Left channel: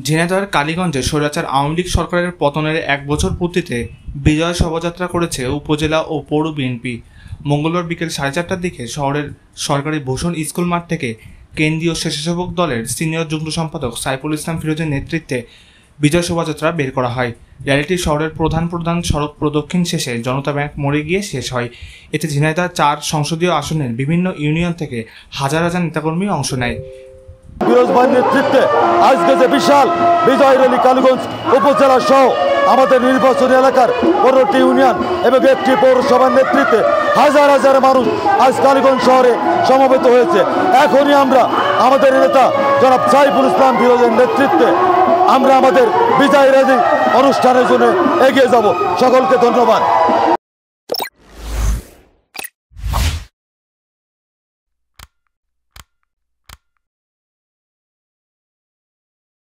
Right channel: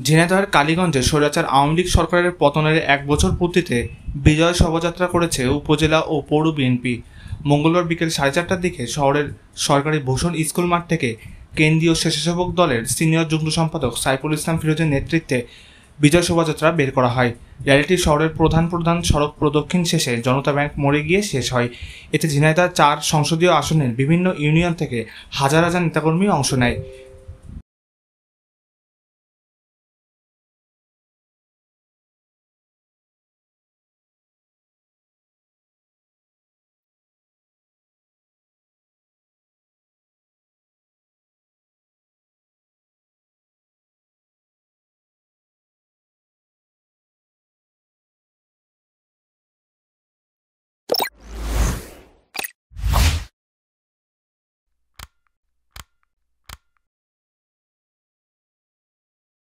ঝিনাইদহের কালীগঞ্জে স্বৈরাচার আওয়ামী লীগ সরকারের পতনের ১ বছর পূর্তিতে বিজয় শোভাযাত্রা করেছে উপজেলা ও পৌর বিএনপি। মঙ্গলবার বিকেল ৪:৩০টার দিকে শহরের সরকারি ভূষণ স্কুল মাঠ থেকে কেন্দ্রীয় স্বেচ্ছাসেবক দলের সিনিয়র যুগ্ম সম্পাদক সাইফুল ইসলাম ফিরোজের নেতৃত্বে বিজয় শোভাযাত্রা বের করা হয়। র্যালিটি শহরের প্রধান সড়ক প্রদক্ষিণ শেষে জনতা ব্যাংক মোড়ে গিয়ে শেষ হয়। এতে ঝিনাইদহ ৪ সংসদীয় আসনের বিভিন্ন ইউনিয়ন থেকে হাজার হাজার নেতাকর্মী অংশ নেয়। ফিরোজ ভাইয়ের নেতৃত্বে আজকে যে বিশাল বিজয় র্যালি কালীগঞ্জ উপজেলা সহ আমাদের নির্বাচনী এলাকার ১৫টি ইউনিয়ন এবং একটি পৌরসভার নেতৃত্বে হাজার হাজার মানুষ আজ কালীগঞ্জ শহরে সমবেত হয়েছে। এখনই আমরা আমাদের নেতা জনাব সাইফুল ইসলাম ফিরোজের নেতৃত্বে আমরা আমাদের বিজয় র্যালি অনুষ্ঠানের জন্য এগিয়ে যাব। সকলকে ধন্যবাদ।